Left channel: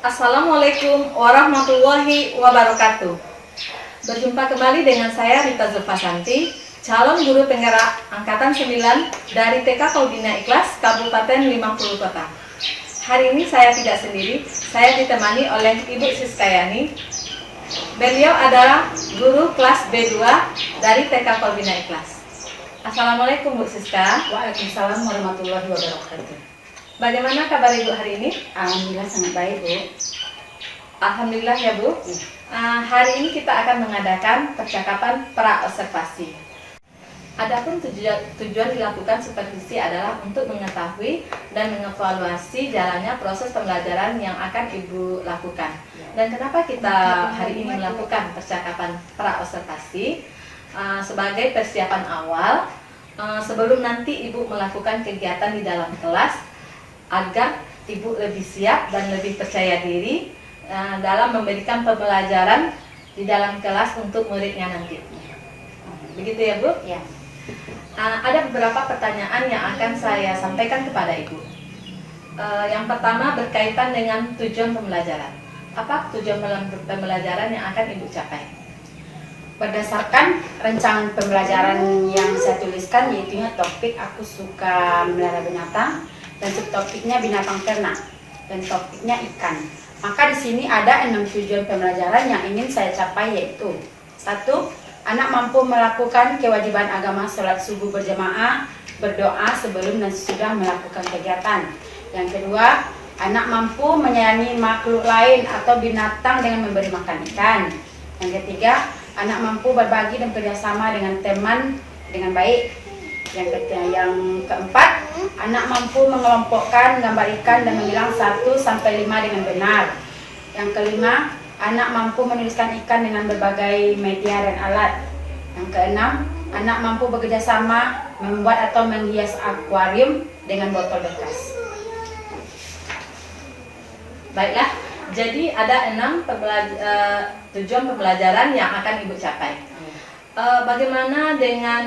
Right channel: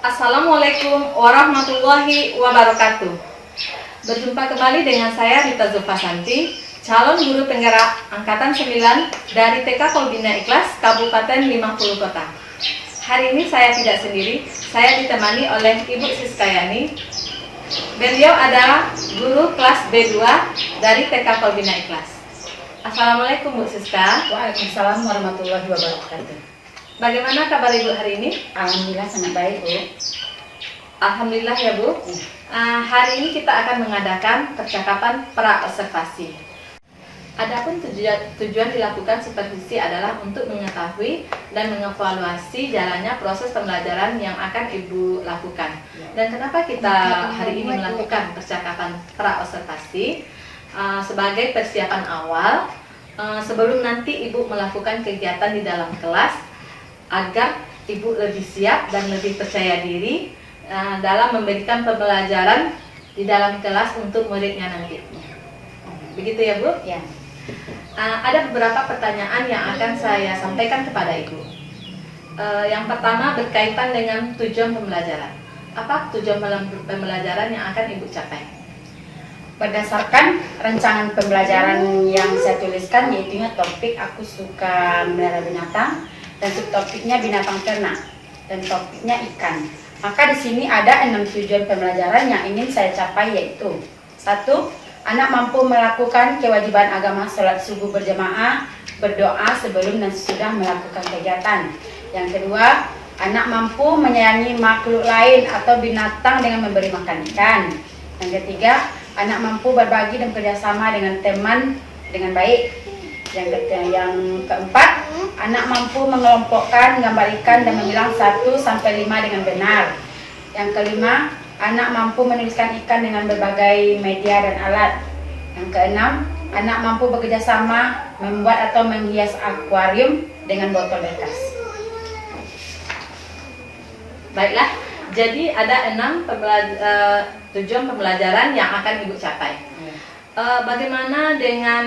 Assalamualaikum warahmatullahi wabarakatuh. Berjumpa kembali dengan saya Rita Zulfasanti, calon guru penggerak Angkatan 9 dari TK Kolbina Ikhlas, Kabupaten 50 Kota. Hari ini saya tidak sendiri, saya ditemani oleh Ibu Siskayani. Beliau adalah guru kelas B2 dari TK Kolbina Ikhlas. Assalamualaikum Bu Siska. Waalaikumsalam warahmatullahi wabarakatuh. Bagaimana kabar Ibu hari ini? Alhamdulillah sangat baik, Bu. Alhamdulillah ya Bu. Hari ini kita akan mengadakan percakapan pra-observasi. Adapun tujuan dilakukan supervisi adalah untuk mengetahui dan mengevaluasi jalannya proses pembelajaran yang akan Ibu lakukan. Dan kenapa kita hari ini melakukan percakapan pra-observasi? Sebagai persiapan awal sebelum nanti Ibu melakukan kegiatan di dalam kelas, agar Ibu lebih siap dan lebih percaya diri dalam memberikan pembelajaran di dalam kelas untuk muridnya nanti. Begitu ya Bu? Ya. Ada beberapa pertanyaan yang akan saya sampaikan kepada Ibu. Yang pertama berkaitan dengan tujuan pembelajaran. Apa tujuan pembelajaran yang akan Ibu capai? Berdasarkan rancangan pembelajaran yang saya tuliskan, yaitu topik aku suka melihara binatang, dan subtopiknya binatang ternak, dan topiknya ikan. Maka di sini ada 6 tujuan pembelajaran yang ingin saya capai, yaitu 1. Anak mampu melakukan kewajiban agama sholat subuh berjamaah, berdoa sebelum dan sesudah melakukan kegiatan. Yang kedua, anak mampu menyayangi makhluk lain atau binatang dengan memberi makan ikan. Yang ketiga, anak mampu berbagi dan kerjasama dengan teman dengan baik. Yang keempat, anak mampu mengelompokkan gambar ikan dan memilah 1-5 dengan benar. Yang kelima, anak mampu menuliskan ikan dengan berbagai media dan alat. Yang keenam, anak mampu bekerja sama membuat atau menghias akuarium dengan botol bekas. Baiklah, jadi ada 6 tujuan pembelajaran yang akan Ibu capai. Bagaimana dengan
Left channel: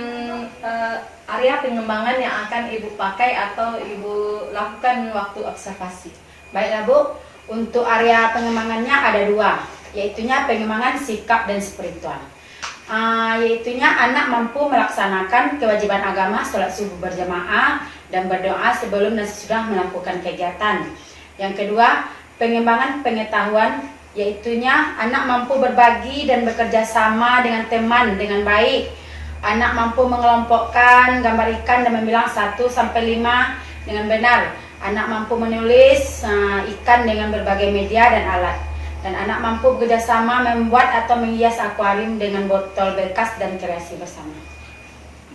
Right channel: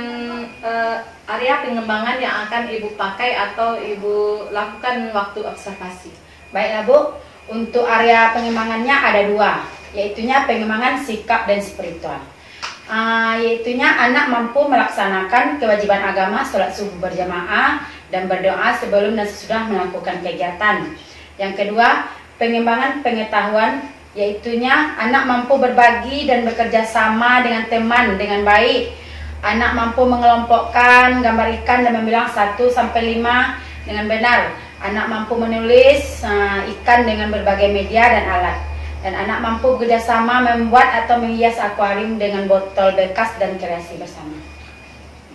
area pengembangan yang akan Ibu pakai atau Ibu lakukan waktu observasi? Baiklah Bu, untuk area pengembangannya ada 2, yaitunya pengembangan sikap dan spiritual. Yaitunya anak mampu melaksanakan kewajiban agama sholat subuh berjamaah dan berdoa sebelum dan sesudah melakukan kegiatan. Yang kedua, pengembangan pengetahuan, yaitunya anak mampu berbagi dan bekerja sama dengan teman dengan baik. Anak mampu mengelompokkan gambar ikan dan memilah 1-5 dengan benar. Anak mampu menulis ikan dengan berbagai media dan alat. Dan anak mampu bekerja sama membuat atau menghias akuarium dengan botol bekas dan kreasi bersama.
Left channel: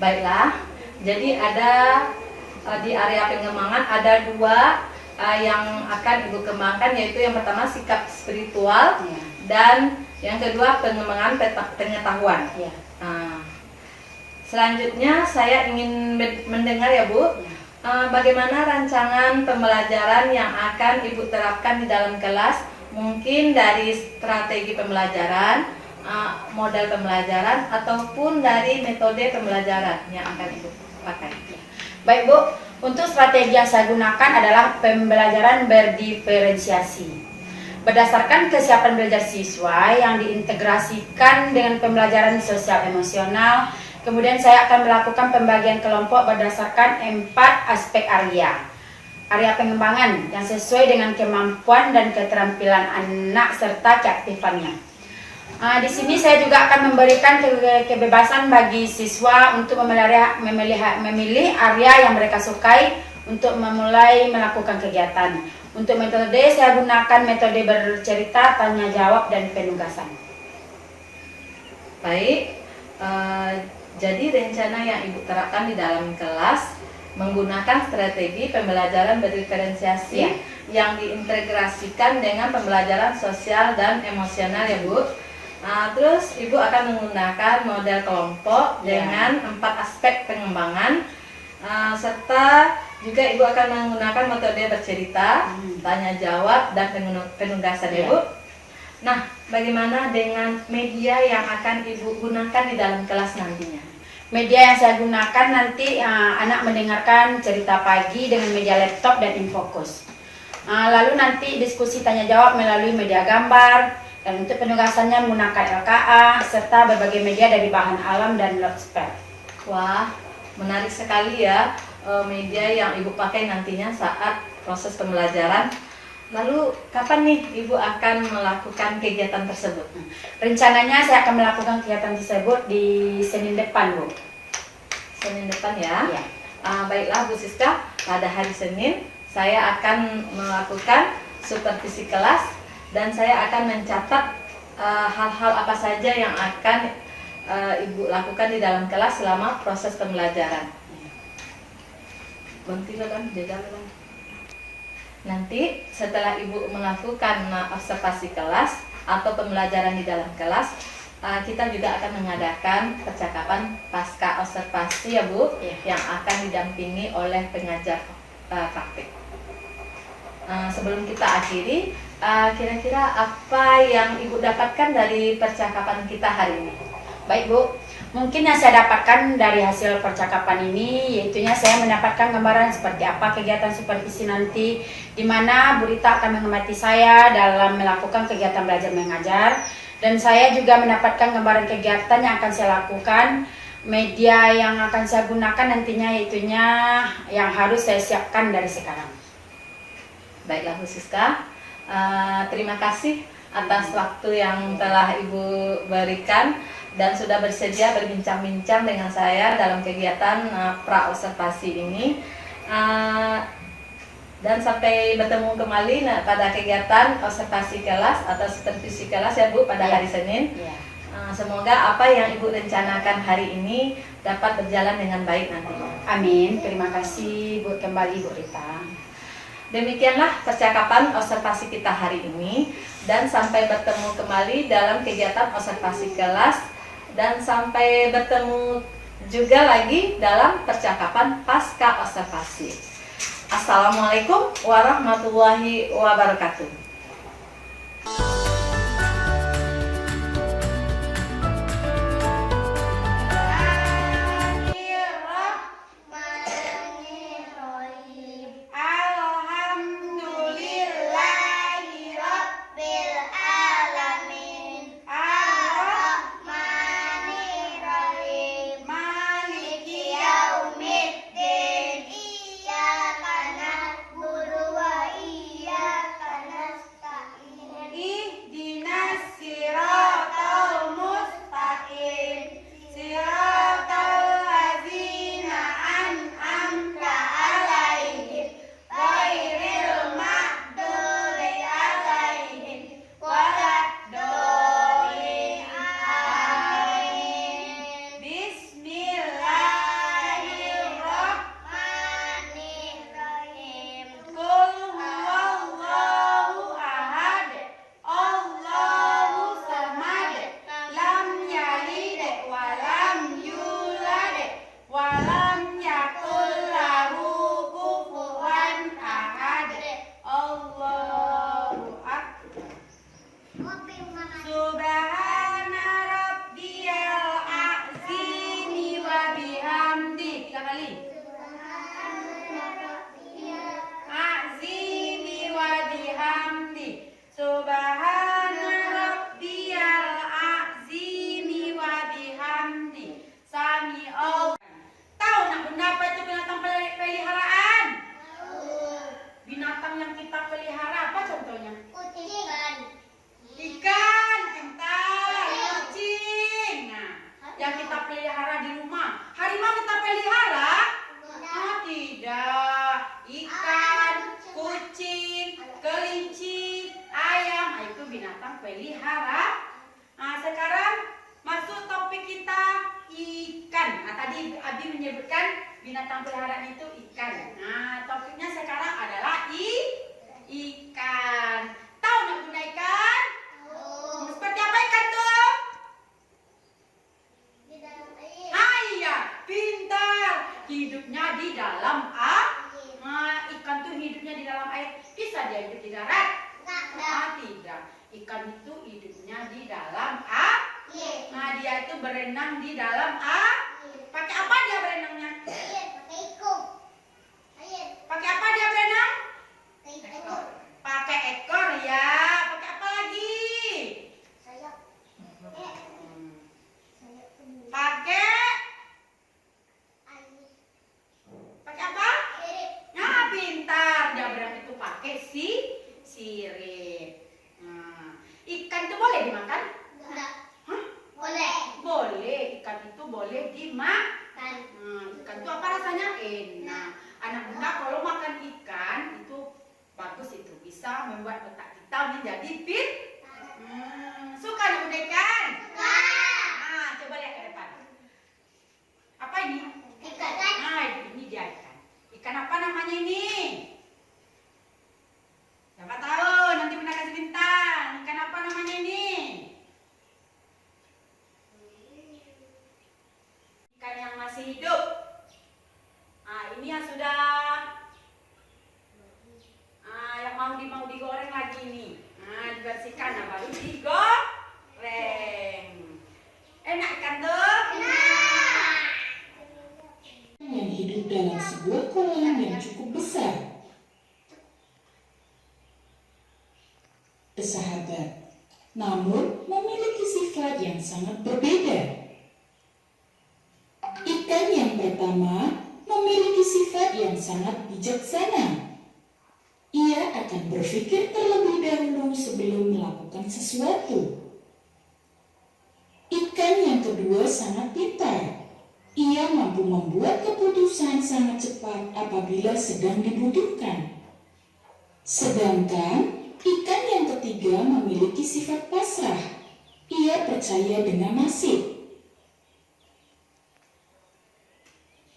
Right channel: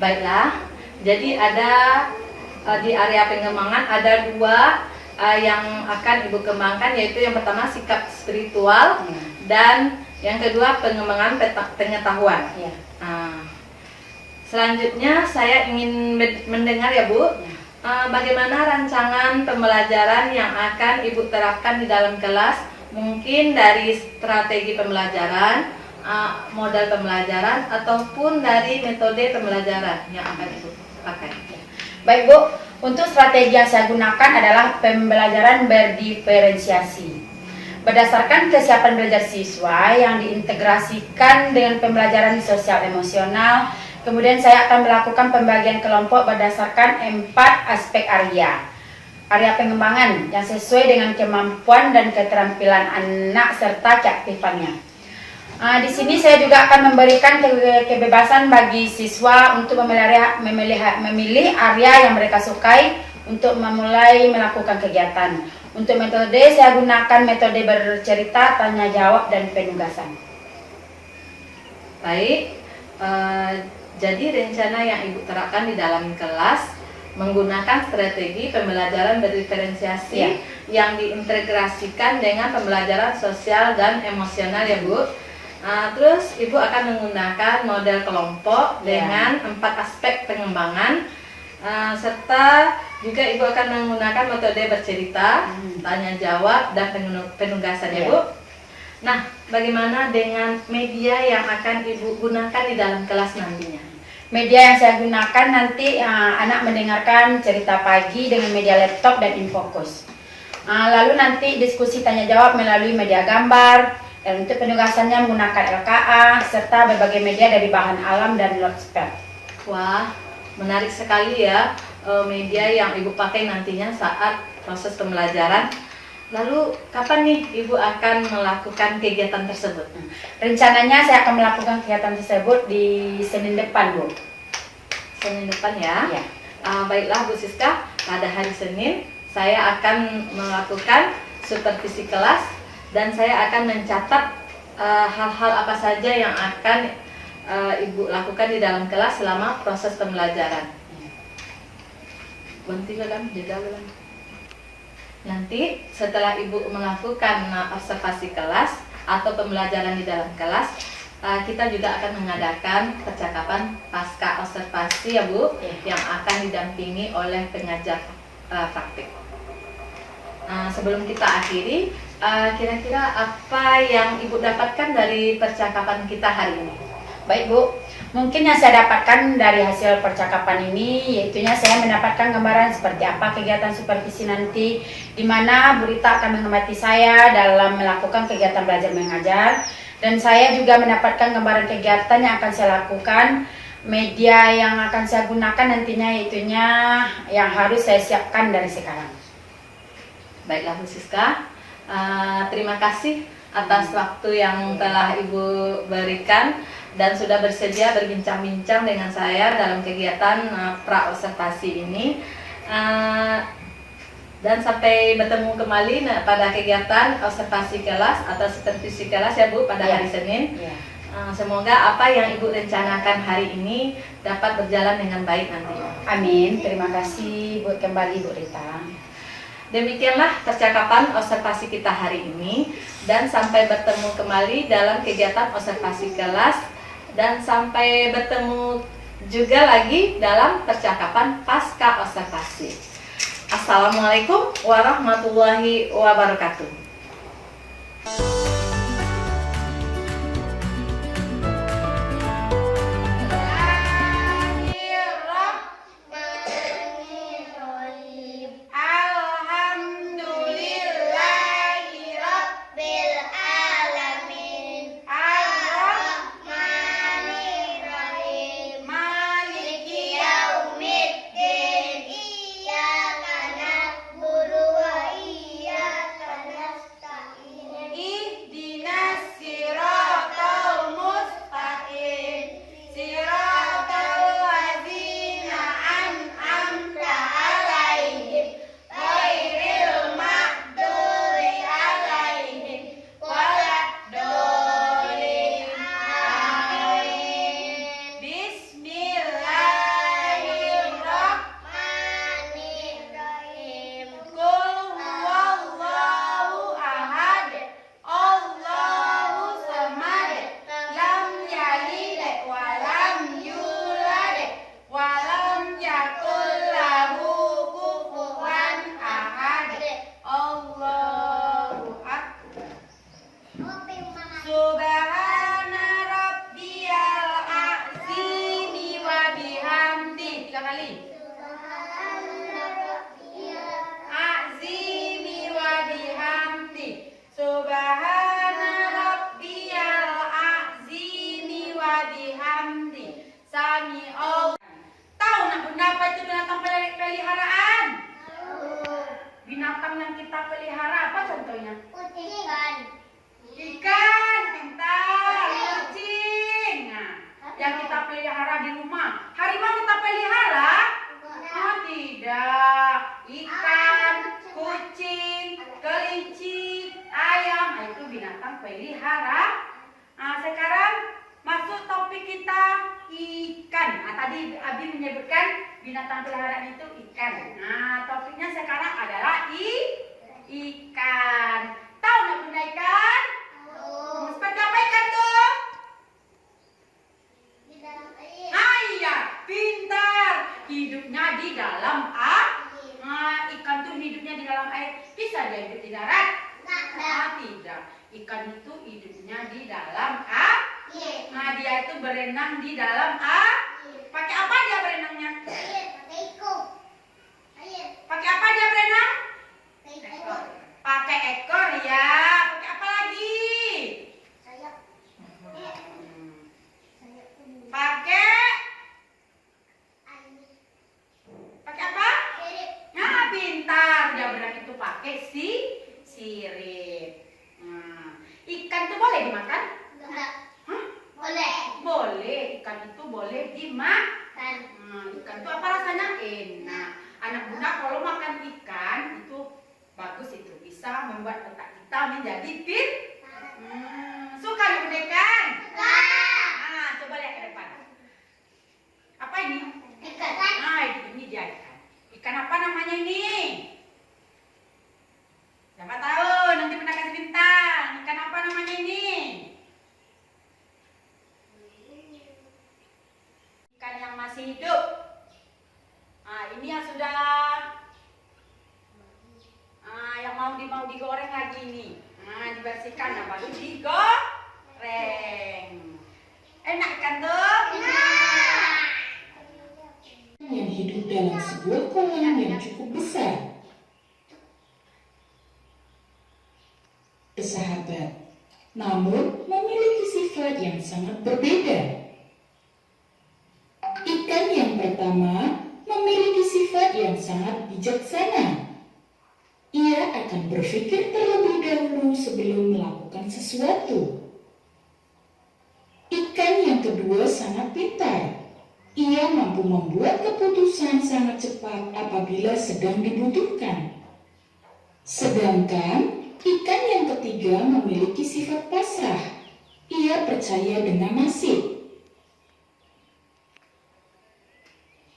Baiklah, jadi ada di area pengembangan ada 2 yang akan Ibu kembangkan, yaitu yang pertama sikap spiritual dan yang kedua pengembangan pengetahuan. Selanjutnya saya ingin mendengar ya Bu, bagaimana rancangan pembelajaran yang akan Ibu terapkan di dalam kelas, mungkin dari strategi pembelajaran, model pembelajaran ataupun dari metode pembelajaran yang akan Ibu pakai. Baik Bu, untuk strategi yang saya gunakan adalah pembelajaran berdiferensiasi. Berdasarkan kesiapan belajar siswa yang diintegrasikan dengan pembelajaran sosial emosional, kemudian saya akan melakukan pembagian kelompok berdasarkan 4 aspek area. Area pengembangan yang sesuai dengan kemampuan dan keterampilan anak serta keaktifannya. Di sini saya juga akan memberikan kebebasan bagi siswa untuk memilih area yang mereka sukai untuk memulai melakukan kegiatan. Untuk metode saya gunakan metode bercerita, tanya jawab, dan penugasan. Baik, jadi rencana yang Ibu terapkan di dalam kelas menggunakan strategi pembelajaran berdiferensiasi yang diintegrasikan dengan pembelajaran sosial dan emosional ya Bu. Terus Ibu akan menggunakan model kelompok dengan 4 aspek pengembangan, serta juga Ibu akan menggunakan metode bercerita, tanya jawab, dan penugasan ya Bu. Nah, bagaimana dengan media yang akan Ibu gunakan di dalam kelas nantinya? Media yang saya gunakan nanti anak mendengarkan cerita pagi dengan media laptop dan infocus. Lalu nanti diskusi tanya jawab melalui media gambar, dan untuk penugasannya menggunakan LKA serta berbagai media dari bahan alam dan loudspeaker. Wah, menarik sekali ya media yang Ibu pakai nantinya saat proses pembelajaran. Lalu kapan nih Ibu akan melakukan kegiatan tersebut? Rencananya saya akan melakukan kegiatan tersebut di Senin depan, Bu. Senin depan ya? Ya. Baiklah Bu Siska, pada hari Senin saya akan melakukan supervisi kelas dan saya akan mencatat hal-hal apa saja yang akan Ibu lakukan di dalam kelas selama proses pembelajaran. Nanti setelah Ibu melakukan observasi kelas atau pembelajaran di dalam kelas, kita juga akan mengadakan percakapan pasca observasi ya Bu, yang akan didampingi oleh pengajar praktik. Sebelum kita akhiri, kira-kira apa yang Ibu dapatkan dari percakapan kita hari ini? Baik Bu, mungkin yang saya dapatkan dari hasil percakapan ini yaitunya saya mendapatkan gambaran seperti apa kegiatan supervisi nanti, di mana Bu Rita akan mengamati saya dalam melakukan kegiatan belajar mengajar, dan saya juga mendapatkan gambaran kegiatan yang akan saya lakukan, media yang akan saya gunakan nantinya yaitunya yang harus saya siapkan dari sekarang. Baiklah Bu Siska, terima kasih atas waktu yang telah Ibu berikan dan sudah bersedia berbincang-bincang dengan saya dalam kegiatan pra-observasi ini. Dan sampai bertemu kembali pada kegiatan observasi kelas atau supervisi kelas ya Bu pada hari Senin. Semoga apa yang Ibu rencanakan hari ini dapat berjalan dengan baik nanti. Amin, terima kasih buat kembali Bu Rita. Demikianlah percakapan observasi kita hari ini, dan sampai bertemu kembali dalam kegiatan observasi kelas, dan sampai bertemu juga lagi dalam percakapan pasca observasi. Assalamualaikum warahmatullahi wabarakatuh. Binatang yang kita pelihara apa contohnya? Ikan. Ikan, pintar. Kucing. Nah, yang kita pelihara di rumah. Harimau kita pelihara? Oh, tidak. Ikan, kucing, kelinci, ayam, itu binatang pelihara. Nah, sekarang masuk topik kita ikan. Nah, tadi Abi menyebutkan binatang peliharaan itu ikan. Nah, topiknya sekarang adalah ikan. Tahu nak bunda ikan? Seperti apa ikan tuh? Di dalam air. Iya, pintar. Hidupnya di dalam air. Air. Nah, ikan tuh hidupnya di dalam air. Bisa dia hidup di darat? Tidak. Ikan itu hidupnya di dalam air. Nah, dia itu berenang di dalam air. Pakai apa dia berenangnya? Air, pakai ikut. Air, Pakai apa dia berenang? pakai ikut. ikan itu boleh dimakan. Ikan itu apa rasanya? Enak. Anak bunda kalau makan ikan itu bagus, itu bisa membuat otak kita menjadi fit. Suka anak bunda ikan? Nah, coba lihat ke depan. Apa ini? Ikan. Nah, ini dia ikan. Ikan apa namanya ini? Siapa tahu? Nanti bunda kasih bintang. Ikan apa namanya ini? Ikan yang masih hidup. Nah, ini yang sudah yang mau digoreng lagi ini. Nah, dibersihkan, nah baru digoreng. Enak ikan tuh? Yang hidup dalam sebuah kolam yang cukup besar. Sahabat, namun memiliki sifat yang sangat berbeda. Ikan yang pertama memiliki sifat yang sangat bijaksana. Ia akan berpikir terlebih dahulu sebelum melakukan sesuatu. Ikan yang kedua sangat pintar. Ia mampu membuat keputusan sangat cepat apabila sedang dibutuhkan. Sedangkan ikan yang ketiga memiliki sifat pasrah. Ia percaya dengan nasib.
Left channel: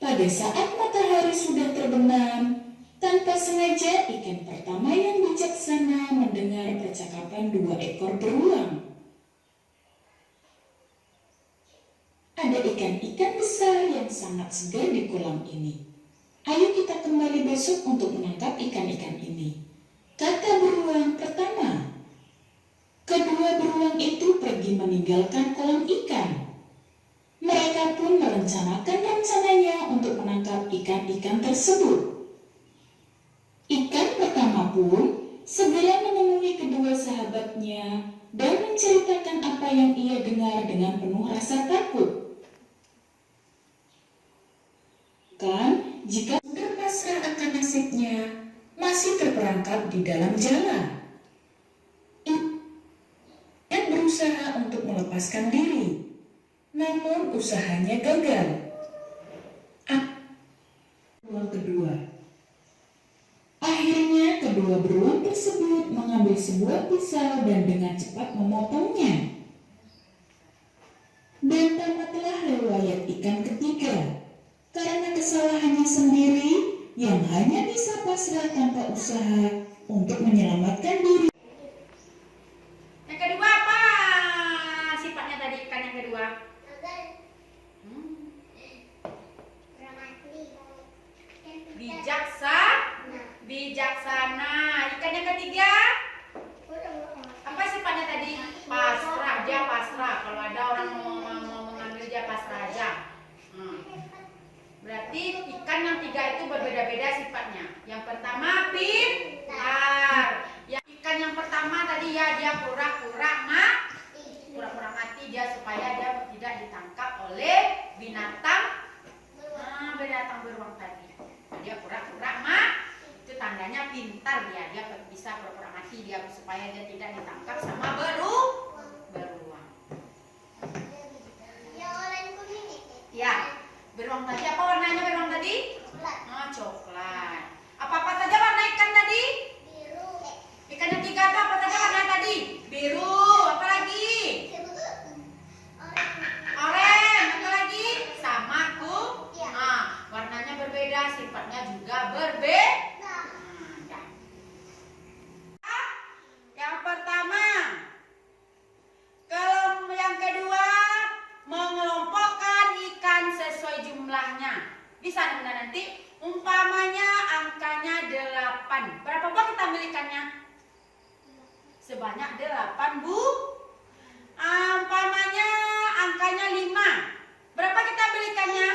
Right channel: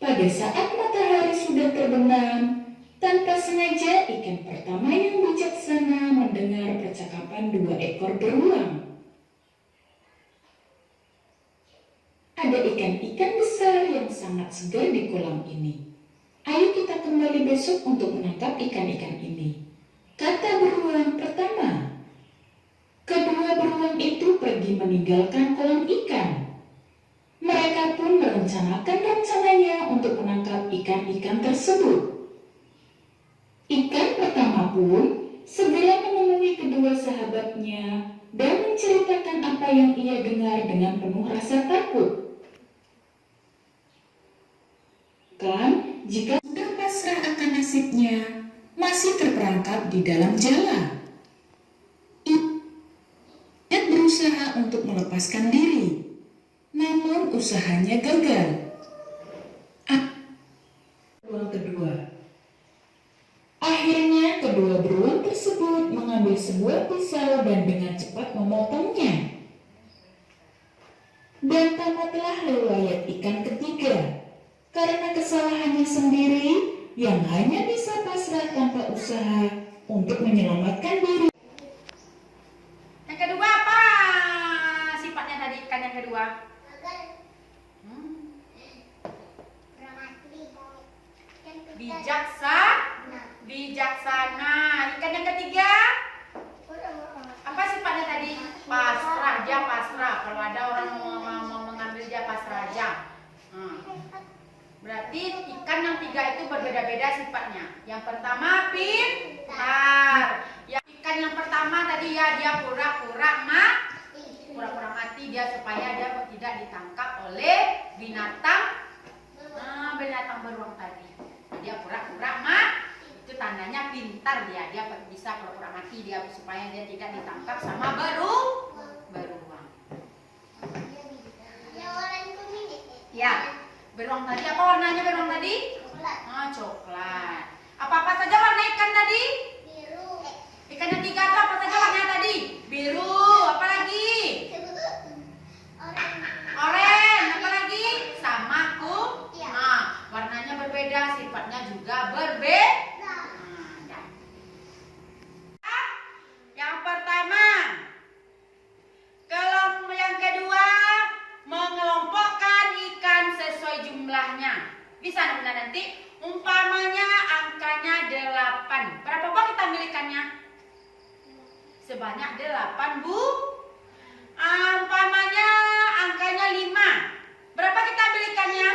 Pada saat matahari sudah terbenam, tanpa sengaja ikan pertama yang bijaksana mendengar percakapan dua ekor beruang. Ada ikan-ikan besar yang sangat segar di kolam ini. Ayo kita kembali besok untuk menangkap ikan-ikan ini, kata beruang pertama. Kedua beruang itu pergi meninggalkan kolam ikan. Mereka pun merencanakan rencananya untuk menangkap ikan-ikan tersebut. Ikan pertama pun segera menemui kedua sahabatnya dan menceritakan apa yang ia dengar dengan penuh rasa takut. Kan, jika sudah pasrah akan nasibnya, masih terperangkap di dalam jala. Ia berusaha untuk melepaskan diri, namun usahanya gagal. Beruang kedua. Akhirnya kedua beruang tersebut mengambil sebuah pisau dan dengan cepat memotongnya. Dan tamatlah riwayat ikan ketiga, karena kesalahannya sendiri yang hanya bisa pasrah tanpa usaha untuk menyelamatkan diri. Yang kedua apa sifatnya tadi ikan yang kedua? Bijaksana. Ikan yang ketiga apa sifatnya tadi? Pasrah. Dia pasrah. Kalau ada orang mau mengambil, dia pasrah aja. Berarti ikan yang tiga itu berbeda-beda sifatnya. Yang pertama pintar. Ikan yang pertama tadi ya dia pura-pura mati dia supaya dia tidak ditangkap oleh binatang beruang tadi. Dia pura-pura itu tandanya pintar dia bisa pura-pura mati dia supaya dia tidak ditangkap sama beruang. Yang warna kuning Ya, beruang tadi apa warnanya beruang tadi? Coklat. Apa saja warna ikan tadi? biru. Ikan yang tiga itu apa saja warnanya tadi? Biru. Apa lagi? Oranye. Apa lagi? Sama warnanya berbeda, sifatnya juga berbeda. Yang pertama, yang kedua mengelompokkan ikan sesuai jumlahnya. Bisa bunda nanti umpamanya angkanya 8. Berapa buah kita ambil ikannya? Sebanyak 8 bu. Umpamanya angkanya 5. Berapa kita ambil ikannya?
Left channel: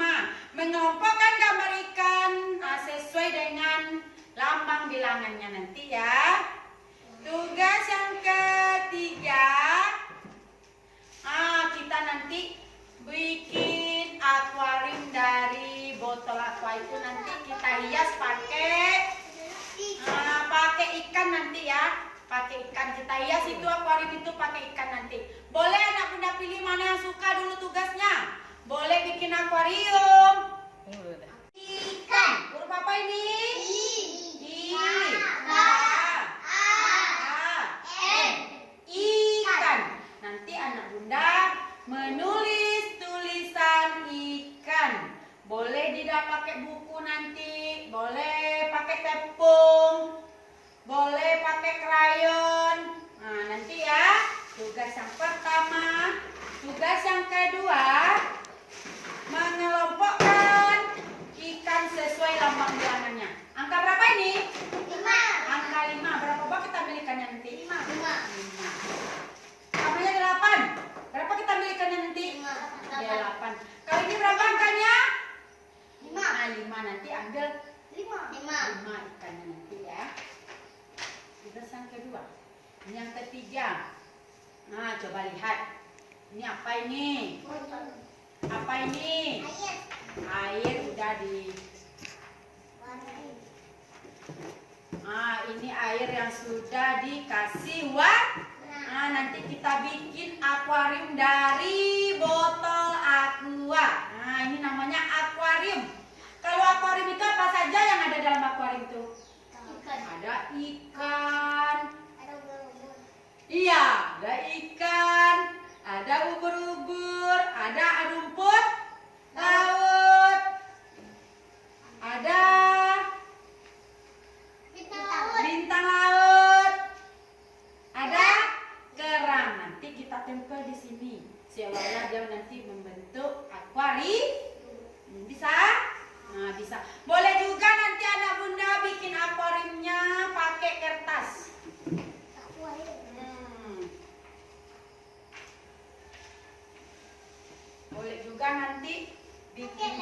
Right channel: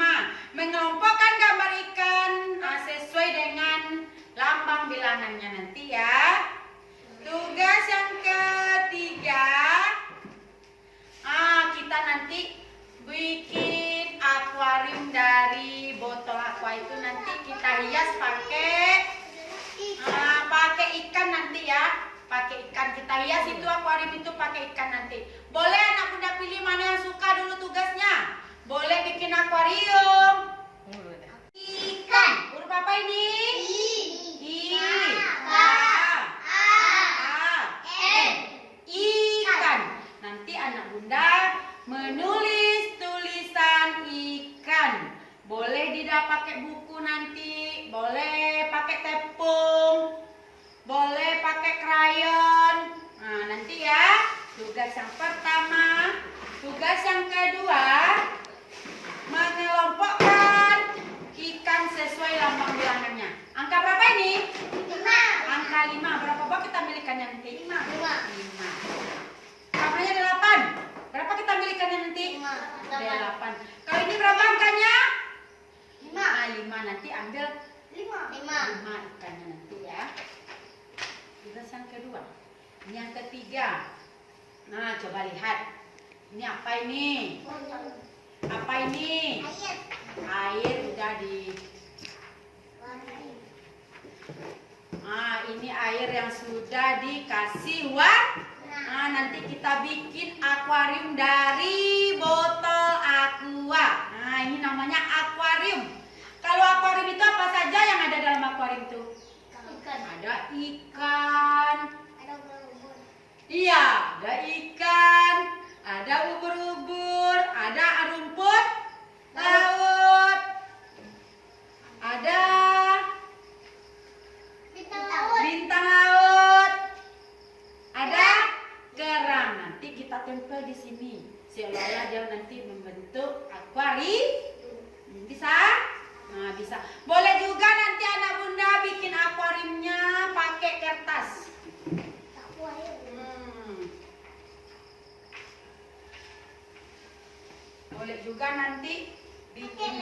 5. Mengelompokkan gambar ikan sesuai dengan lambang bilangannya nanti ya. Tugas yang ketiga, kita nanti bikin akuarium dari botol aqua itu, nanti kita hias pakai ikan nanti ya. Pakai ikan kita hias itu akuarium itu pakai ikan nanti. Boleh anak bunda pilih mana yang suka dulu tugasnya. Boleh bikin akuarium. Ikan. Huruf apa ini? I. N. Ikan. Nanti anak bunda menulis tulisan ikan. Boleh tidak pakai buku nanti, boleh pakai tepung, boleh pakai krayon. Nah, nanti ya, tugas yang pertama. Tugas yang kedua, mengelompokkan ikan sesuai lambang bilangannya. Angka berapa ini? 5. Angka 5. Berapa bak kita milikannya nanti? 5. 5. Kamarnya ada 8. Berapa kita milikannya nanti? 5. 8. Kalau ini berapa angkanya? 5. Nah, 5. Nanti ambil 5. 5 ikannya nanti ya. Tugas yang kedua. Ini yang ketiga. Nah, coba lihat. Ini apa ini? Apa ini? Air udah di. Nah, ini air yang sudah dikasih warna. Nah, nanti kita bikin akuarium dari botol aqua. Nah, ini namanya akuarium. Kalau akuarium itu apa saja yang ada dalam akuarium itu? Ada ikan. Iya, ada ikan. Ada ubur-ubur. Ada rumput laut. Ada bintang laut. Ada kerang. Nanti kita tempel di sini. Seolah-olah dia nanti membentuk akuarium. Bisa? Nah, bisa. Boleh juga nanti anak bunda bikin akuariumnya pakai kertas. Boleh juga nanti bikin.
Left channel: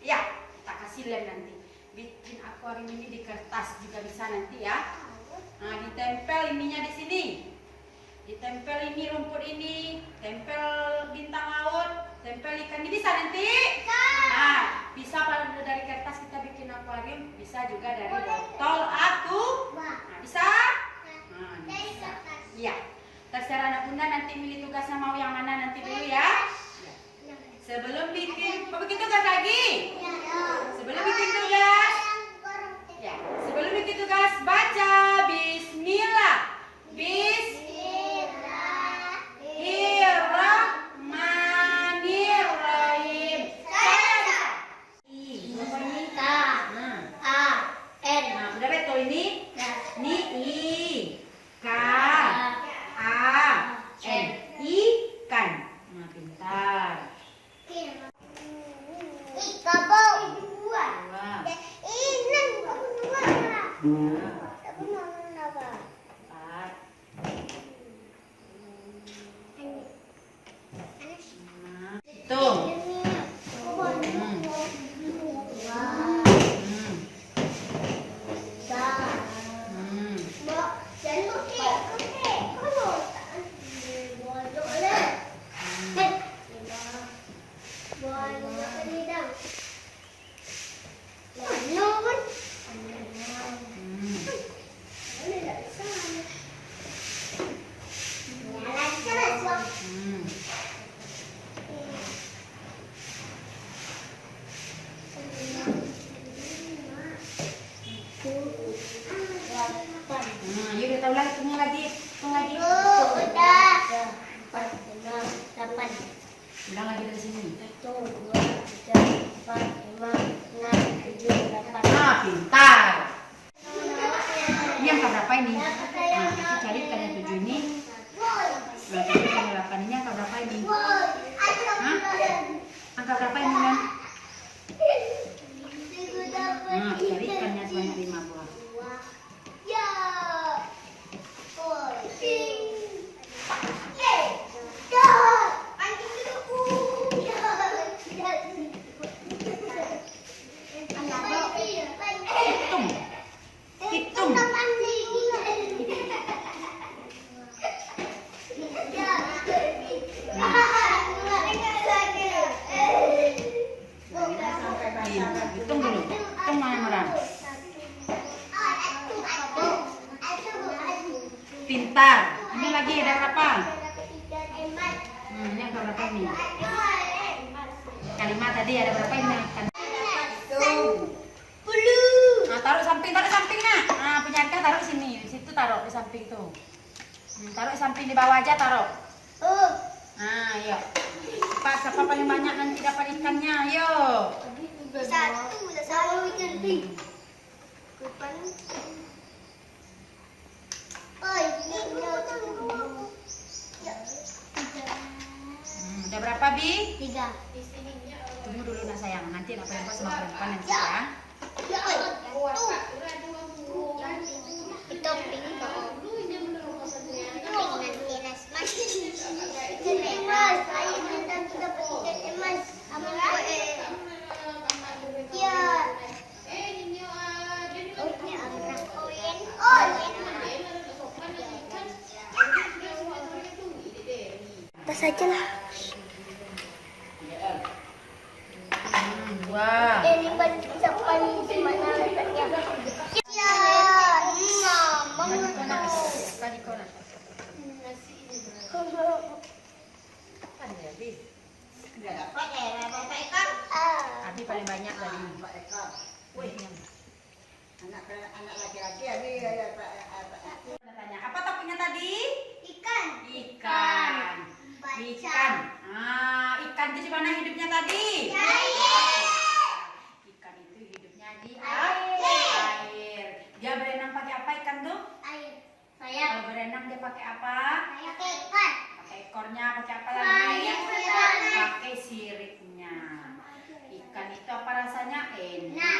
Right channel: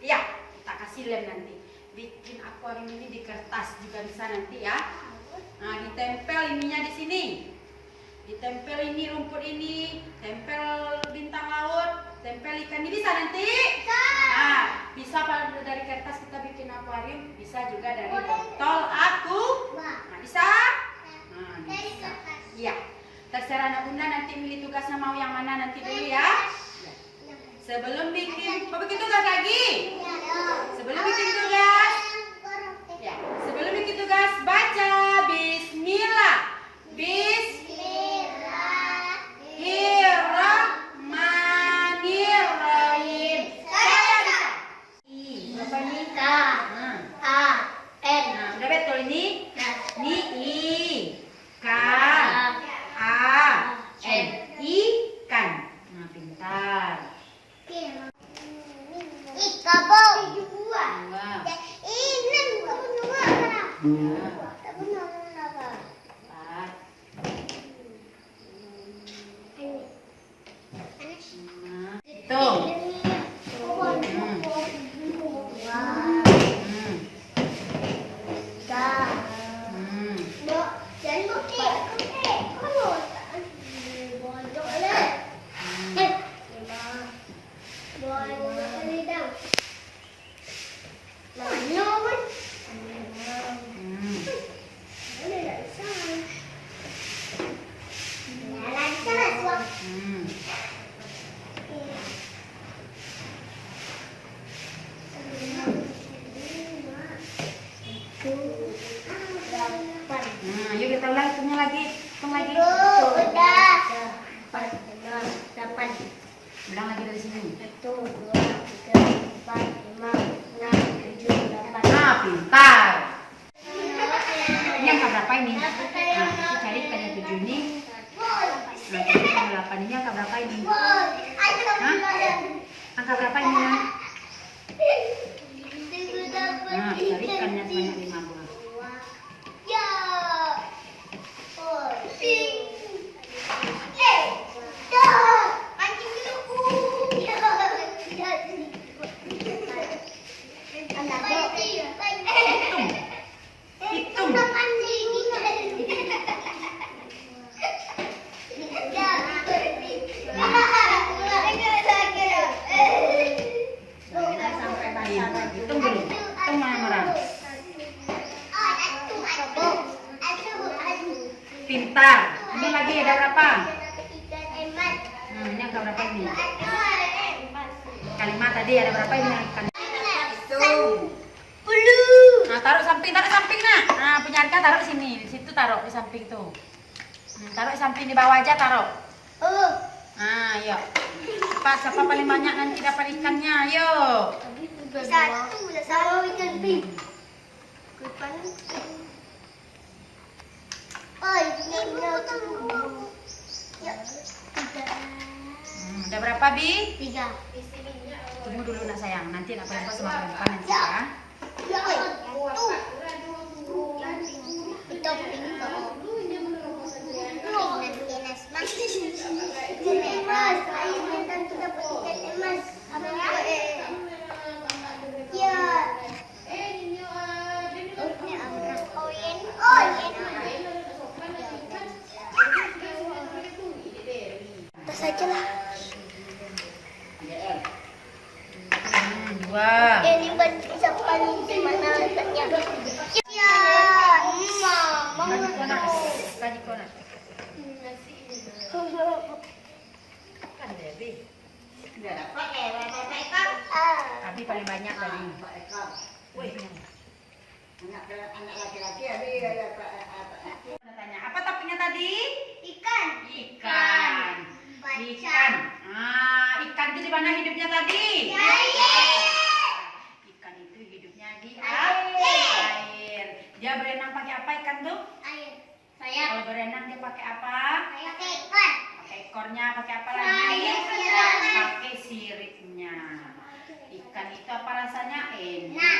Iya, kita kasih lem nanti. Bikin akuarium ini di kertas juga bisa nanti ya. Nah, ditempel ininya di sini. Ditempel ini rumput ini, tempel bintang laut, tempel ikan ini bisa nanti. Nah, bisa dari kertas kita bikin akuarium, bisa juga dari botol aku. Nah, bisa? Nah, bisa. Iya. Terserah anak bunda nanti milih tugasnya mau yang mana nanti dulu ya. Sebelum bikin, mau bikin tugas lagi? Sebelum bikin tugas, ya. Sebelum bikin tugas baca Bismillah. Bismillahirrahmanirrahim. Saya bisa. Apa ini? Nah, udah betul ini? Ini I. K. A. N. Ikan. Nah, pintar. Hitung. Yuk kita ulang hitungnya lagi. Hitung lagi. Ulang lagi dari sini. 1, 2, 3, 4, 5, 6, 7, 8. Nah, pintar. Ini angka berapa ini? Nah, kita cari kan yang 7 ini. Nah, cari kan yang 8 ini angka berapa ini? Hah? Angka berapa ini kan? Nah, cari ikannya sebanyak 5 buah. Hitung. Hitung dulu. Hitung mana orang? Ini angka berapa ini? Kalimat tadi ada berapa ini? Nah, taruh samping nak. Nah, punya Arka taruh sini, di situ taruh di samping tuh. Taruh di samping di bawah aja taruh. Nah, yuk. Cepat, siapa paling banyak nanti dapat ikannya? Yuk. Satu sama ikan pink. Oh, ini Udah berapa, Bi? 3. Tunggu dulu nak sayang, nanti nak perempuan sama perempuan nanti ya. Itu pink kok. Emas, ayo minta tuh dapat ikan emas. Ya. Tas aja lah. Dua. Ini bisa paling di mana letaknya? Ya, Tadi konak. Abi paling banyak tadi. Tanya, apa topiknya tadi? Ikan. Ikan. Ikan itu di mana hidupnya tadi? Ikan itu hidupnya di air. Dia berenang pakai apa ikan tuh? Air. Kalau berenang dia pakai apa? Pakai ikan. Pakai ekornya, pakai apa lagi? Pakai siripnya. Ikan itu apa rasanya? Enak.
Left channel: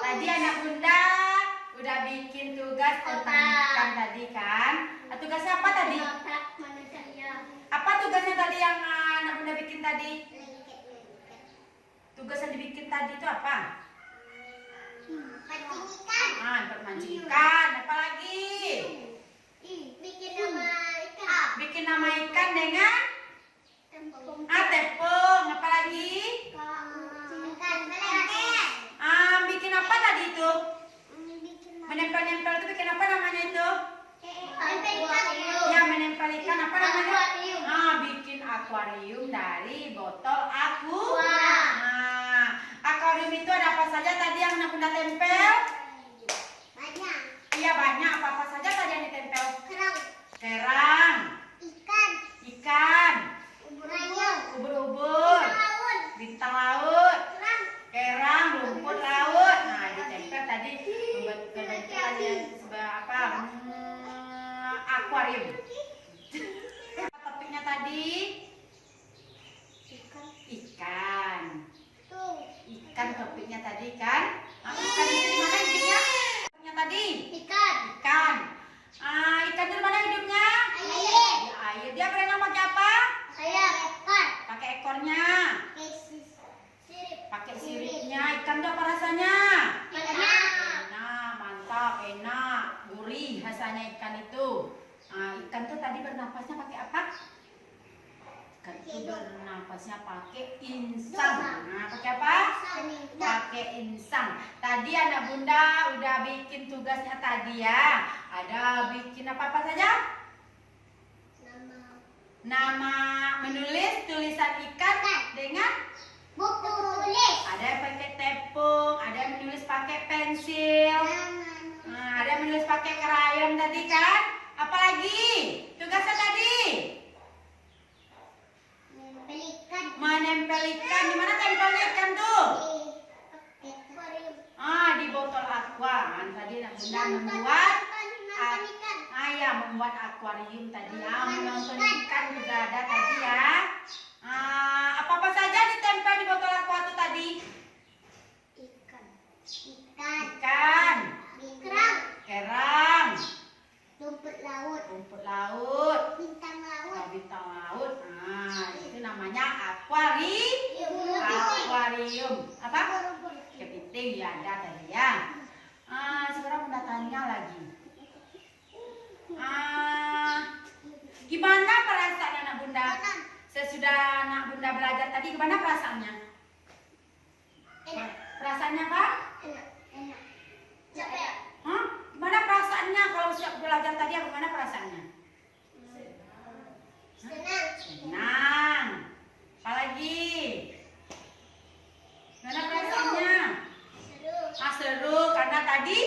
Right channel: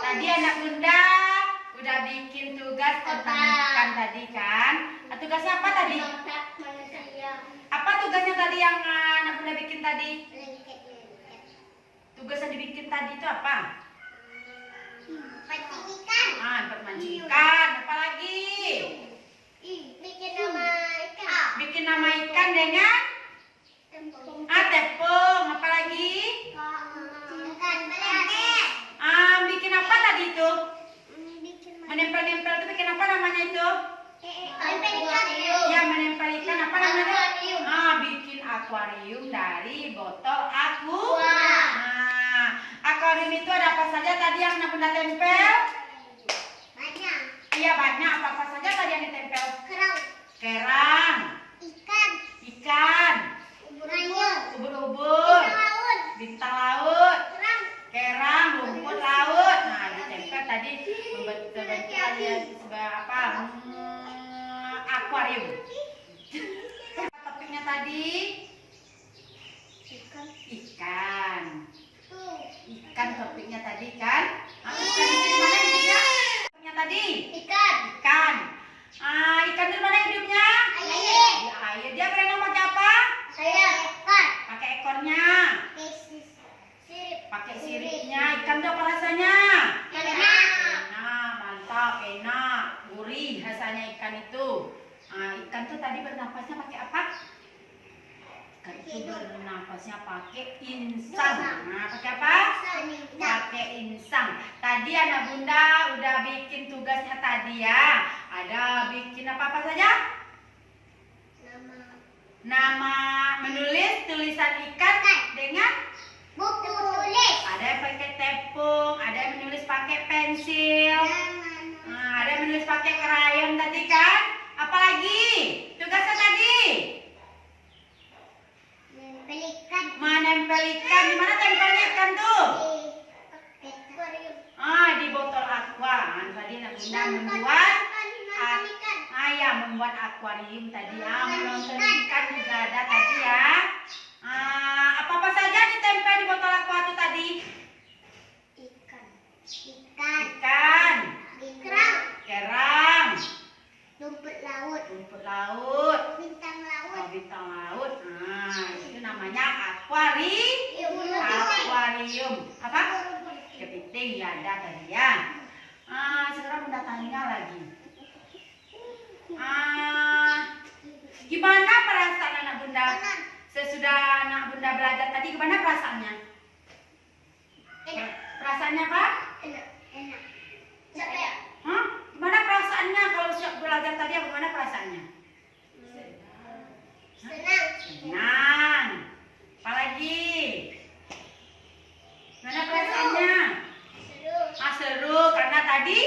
Tadi anak bunda udah bikin tugas tentang ikan tadi kan? Tugasnya apa tadi? Apa tugasnya tadi yang anak bunda bikin tadi? Tugas yang dibikin tadi itu apa? Pancing ikan. Mancing ikan. Apa lagi? Bikin nama ikan. Bikin nama ikan dengan Tepung. tepung. Apa lagi? Ikan belengket. Bikin apa tadi itu? Bikin Menempel-nempel itu bikin apa namanya itu? ikan. Ya, menempel ikan apa namanya? Akuarium. Bikin akuarium dari botol Aqua. Akuarium itu ada apa saja tadi yang anak bunda tempel? Banyak. Iya banyak. Apa saja tadi yang ditempel? Kerang. Kerang, Ikan. ubur-ubur, Laut. bintang laut, Kerang. kerang, rumput laut. Nah, ditempel tadi membentuk apa? Akuarium. Topiknya tadi ikan. Tuh. Ikan topiknya tadi kan? Ikan itu di mana hidupnya? Topiknya tadi Ikan. ikan. Ikan itu di mana hidupnya? Air. Di air. Dia berenang pakai apa? Ekor. Pakai ekornya. Sirip. Pakai siripnya. Ikan itu apa rasanya? Enak. Enak, mantap, enak, gurih rasanya ikan itu. Ikan itu tadi bernafasnya pakai apa? Ikan itu bernafasnya pakai insang. Pakai apa? Pakai insang. Tadi anak bunda udah bikin tugasnya tadi ya. Ada bikin apa saja? Nama menulis tulisan ikan dengan Buku tulis. ada yang pakai tepung, ada yang menulis pakai pensil, ada yang menulis pakai krayon tadi kan? Apalagi tugasnya tadi? Menempelkan Menempel ikan. Di mana tempelnya ikan tuh? di akuarium. Di botol aqua. Tadi anak bunda membuat membuat akuarium tadi ya. Menonton ikan juga ada tadi ya. Apa saja ditempel di botol aqua itu tadi? Ikan. Ikan, kerang, Rumput laut. rumput laut, Bintang laut. bintang laut. Itu namanya akuarium. Apa? Kepiting ya ada tadi ya. Sekarang bunda tanya lagi. Gimana perasaan anak bunda? Sesudah anak bunda belajar tadi, gimana perasaannya? Enak. Perasaannya apa? Enak. Capek. Gimana perasaannya kalau siap belajar tadi? Gimana perasaannya? Senang. Tenang. Apalagi? Mana perasaannya? Seru karena tadi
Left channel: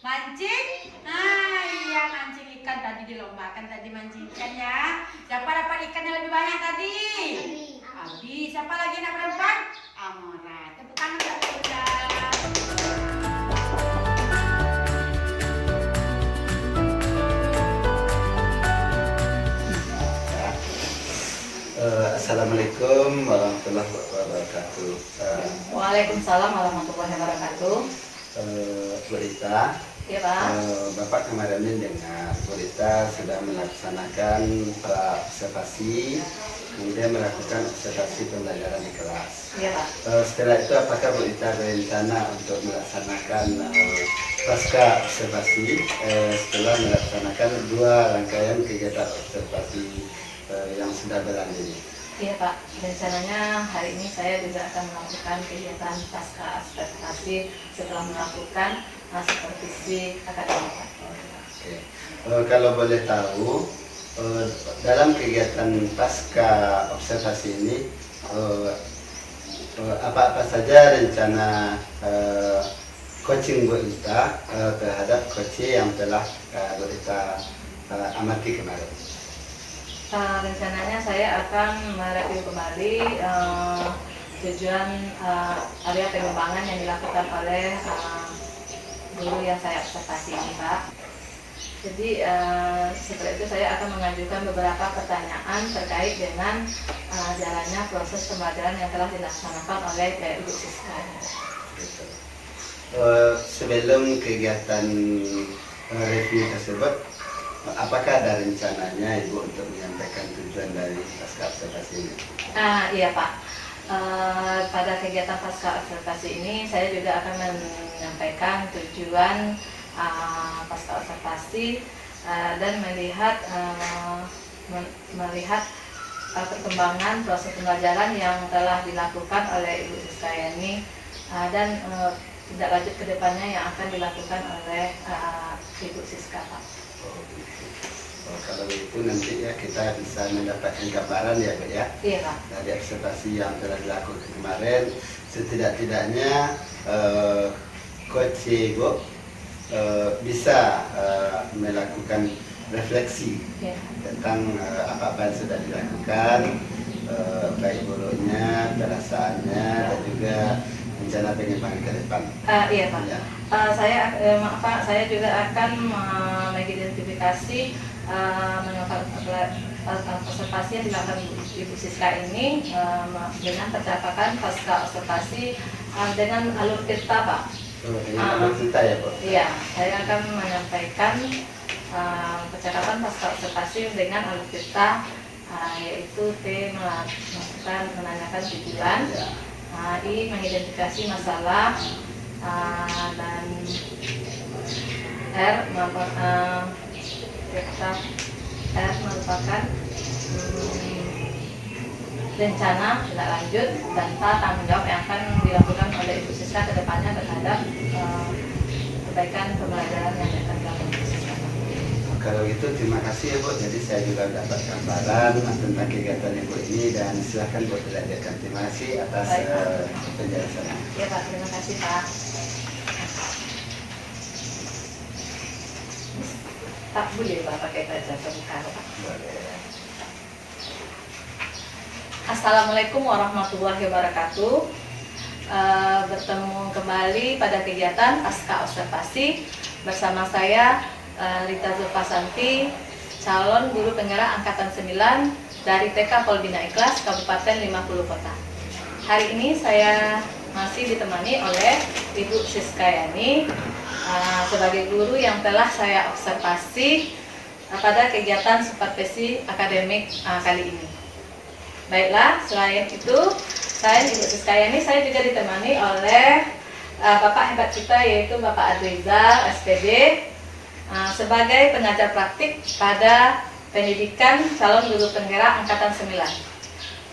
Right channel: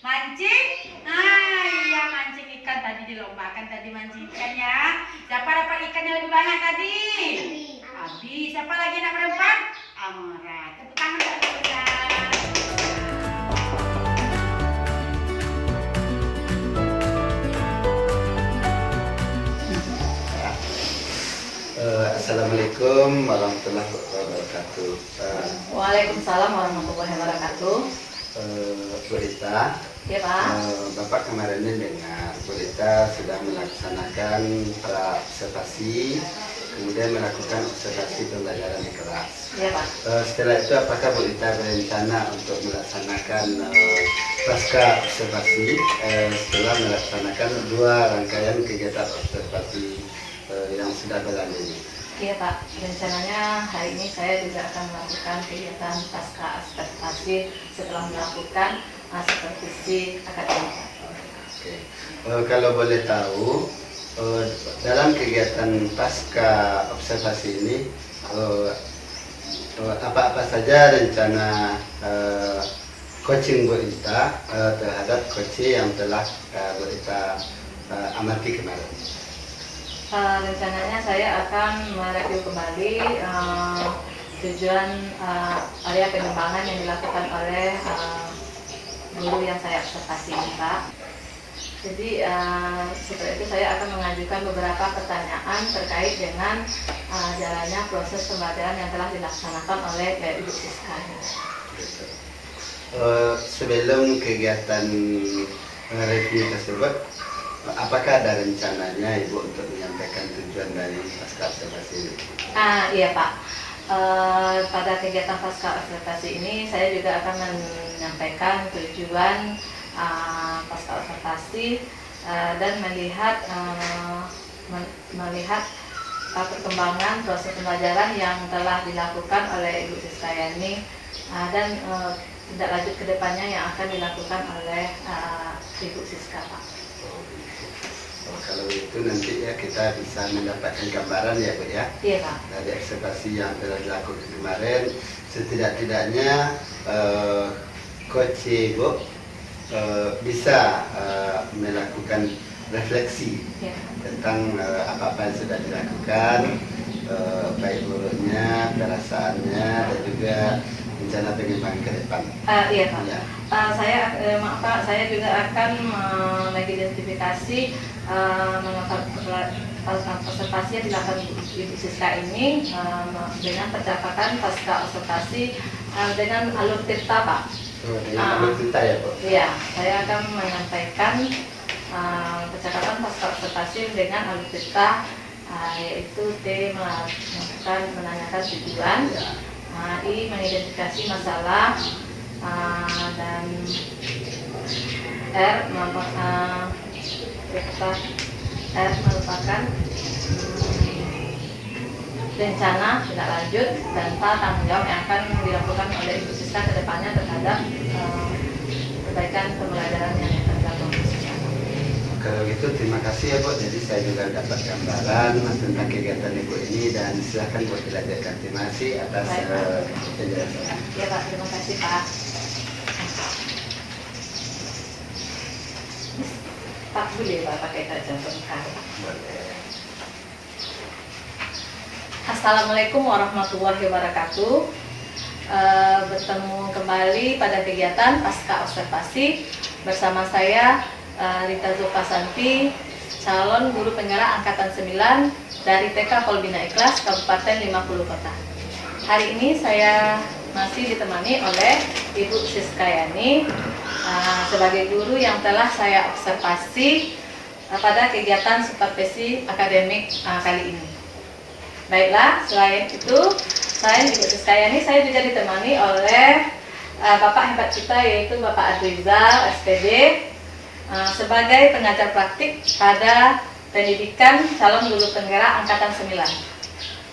mancing. Iya mancing ikan tadi dilombakan tadi mancing ikan ya. Siapa dapat ikannya lebih banyak tadi? Abi. Siapa lagi nak perempuan? Amora. Tepuk tangan Kak Lisa. Assalamualaikum warahmatullahi wabarakatuh. Waalaikumsalam warahmatullahi wabarakatuh. Bu Rita, Ya Pak. Bapak kemarin ini dengar Bu Rita sudah melaksanakan observasi, kemudian melakukan observasi pembelajaran di kelas. Ya Pak. Setelah itu apakah Bu Rita berencana untuk melaksanakan pasca observasi setelah melaksanakan 2 rangkaian kegiatan observasi yang sudah berlalu ini? Iya Pak, rencananya hari ini saya juga akan melakukan kegiatan pasca observasi setelah melakukan supervisi akademik. Oke. Kalau boleh tahu, dalam kegiatan pasca observasi ini apa-apa saja rencana coaching Bu Rita terhadap coaching yang telah Bu Rita amati kemarin? Rencananya saya akan mereview kembali tujuan area pengembangan yang dilakukan oleh guru yang saya observasi ini Pak. Jadi setelah itu saya akan mengajukan beberapa pertanyaan terkait dengan jalannya proses pembelajaran yang telah dilaksanakan oleh Ibu Siska. Sebelum kegiatan review tersebut, apakah ada rencananya Ibu untuk menyampaikan tujuan dari pasca observasi ini? Iya Pak. Pada kegiatan pasca observasi ini saya juga akan menyampaikan tujuan pasca observasi dan melihat perkembangan proses pembelajaran yang telah dilakukan oleh Ibu Siskayani dan tindak lanjut ke depannya yang akan dilakukan oleh Ibu Siska Pak. Kalau itu nanti ya kita bisa mendapatkan gambaran ya Bu ya. Iya Pak. Dari observasi yang telah dilakukan kemarin, setidak-tidaknya Coach Ibu bisa melakukan refleksi tentang apa-apa yang sudah dilakukan, baik buruknya, perasaannya, dan juga rencana pengembangan ke depan. Iya Pak. Ya. Maaf Pak, saya juga akan mengidentifikasi observasi yang dilakukan Ibu Siska ini dengan pencapaian pasca observasi dengan alur cerita Pak. Dengan alur cerita ya Bu? Iya, saya akan menyampaikan percakapan pasca observasi dengan alur cerita, yaitu T menanyakan tujuan, I mengidentifikasi masalah, dan R merupakan rencana tindak lanjut dan tanggung jawab yang akan dilakukan oleh Ibu Siska ke depannya terhadap perbaikan pembelajaran yang akan dilakukan Ibu Siska. Kalau gitu terima kasih ya Bu, jadi saya juga dapat gambaran tentang kegiatan Ibu ini dan silahkan Bu dilanjutkan. Terima kasih atas penjelasannya. Ya Pak, terima kasih Pak. Pak, boleh Pak pakai kaca sebentar. Boleh. Assalamualaikum warahmatullahi wabarakatuh. Bertemu kembali pada kegiatan pasca observasi bersama saya Rita Zulfasanti, calon guru penggerak angkatan 9 dari TK Polbina Ikhlas Kabupaten 50 Kota. Hari ini saya masih ditemani oleh Ibu Siskayani sebagai guru yang telah saya observasi pada kegiatan supervisi akademik kali ini. Baiklah, selain itu, selain Ibu Siskayani, saya juga ditemani oleh Bapak hebat kita, yaitu Bapak Adrizal, SPD, sebagai pengajar praktik pada pendidikan calon guru penggerak angkatan 9.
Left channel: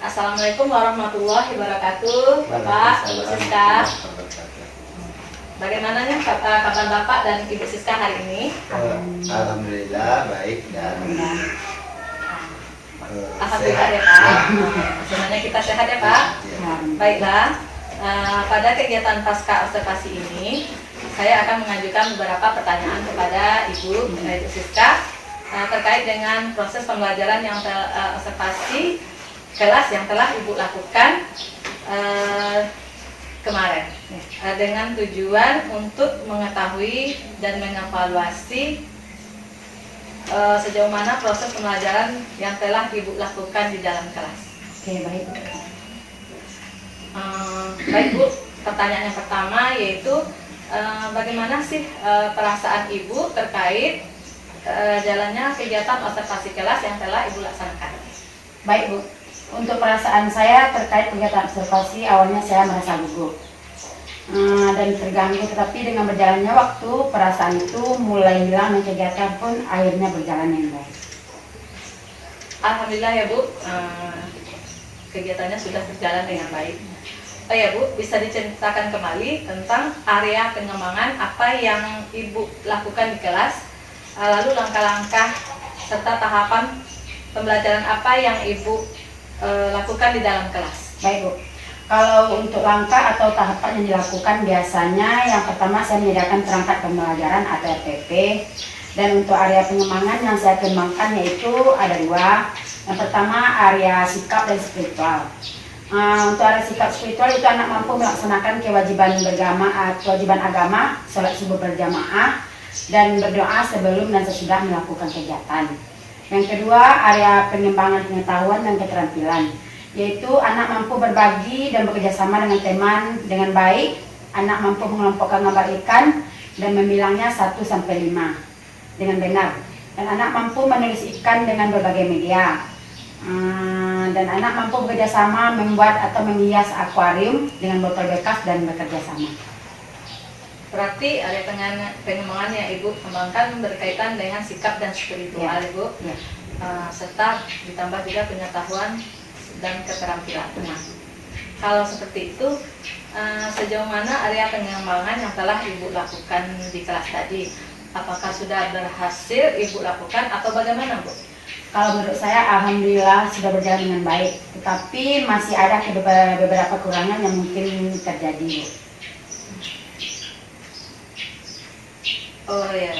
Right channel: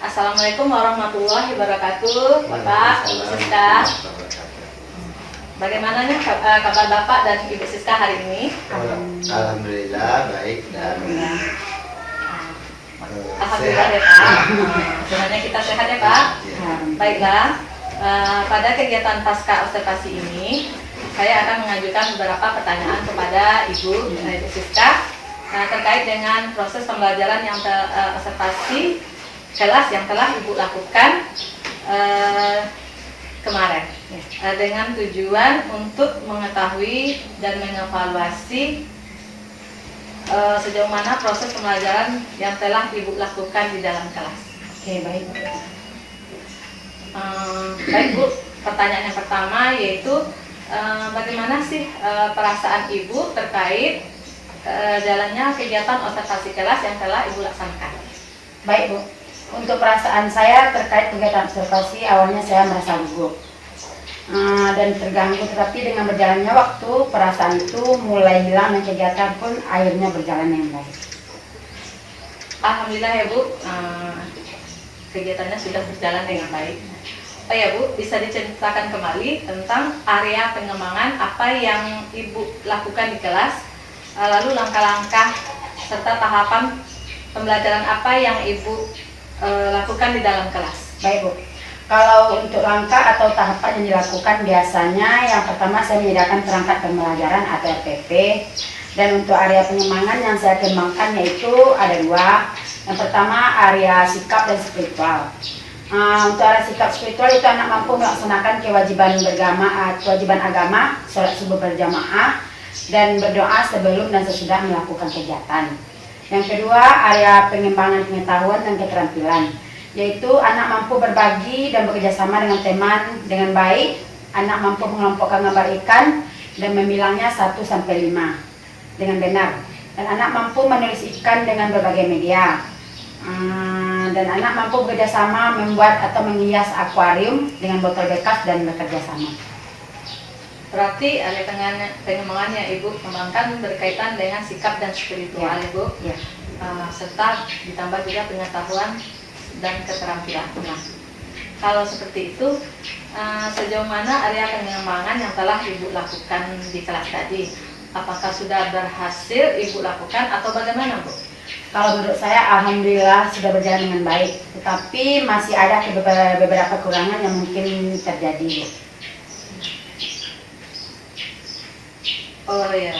Assalamualaikum warahmatullahi wabarakatuh, Bapak, Ibu Siska. Bagaimana nih kabar Bapak dan Ibu Siska hari ini? Alhamdulillah baik dan Alhamdulillah sehat. ya Pak. Sebenarnya kita sehat ya Pak. Ya. Baiklah, pada kegiatan pasca observasi ini, saya akan mengajukan beberapa pertanyaan kepada Ibu Siska terkait dengan proses pembelajaran yang observasi kelas yang telah Ibu lakukan kemarin, dengan tujuan untuk mengetahui dan mengevaluasi sejauh mana proses pembelajaran yang telah Ibu lakukan di dalam kelas. Oke, baik. Baik Bu, pertanyaan yang pertama yaitu bagaimana sih perasaan Ibu terkait jalannya kegiatan observasi kelas yang telah Ibu laksanakan? Baik Bu, untuk perasaan saya terkait kegiatan observasi, awalnya saya merasa gugup dan terganggu, tetapi dengan berjalannya waktu perasaan itu mulai hilang dan kegiatan pun akhirnya berjalan dengan baik. Alhamdulillah ya Bu, kegiatannya sudah berjalan dengan baik. Oh ya Bu, bisa diceritakan kembali tentang area pengembangan apa yang Ibu lakukan di kelas, lalu langkah-langkah serta tahapan pembelajaran apa yang Ibu lakukan di dalam kelas. Baik Bu, kalau untuk langkah atau tahapan yang dilakukan biasanya yang pertama saya menyediakan perangkat pembelajaran atau RPP, dan untuk area pengembangan yang saya kembangkan yaitu ada dua. Yang pertama area sikap dan spiritual. Untuk area sikap spiritual itu anak mampu melaksanakan kewajiban agama, sholat subuh berjamaah dan berdoa sebelum dan sesudah melakukan kegiatan. Yang kedua area pengembangan pengetahuan dan keterampilan, yaitu anak mampu berbagi dan bekerjasama dengan teman dengan baik, anak mampu mengelompokkan gambar ikan dan memilangnya 1 sampai 5 dengan benar, dan anak mampu menulis ikan dengan berbagai media, dan anak mampu bekerjasama membuat atau menghias akuarium dengan botol bekas dan bekerjasama. Berarti area pengembangan yang Ibu kembangkan berkaitan dengan sikap dan spiritual Ya. Ibu, Ya. serta ditambah juga pengetahuan dan keterampilan. Nah, kalau seperti itu, sejauh mana area pengembangan yang telah Ibu lakukan di kelas tadi? Apakah sudah berhasil Ibu lakukan atau bagaimana Bu? Kalau menurut saya alhamdulillah sudah berjalan dengan baik, tetapi masih ada beberapa kekurangan yang mungkin terjadi Bu. Oh ya,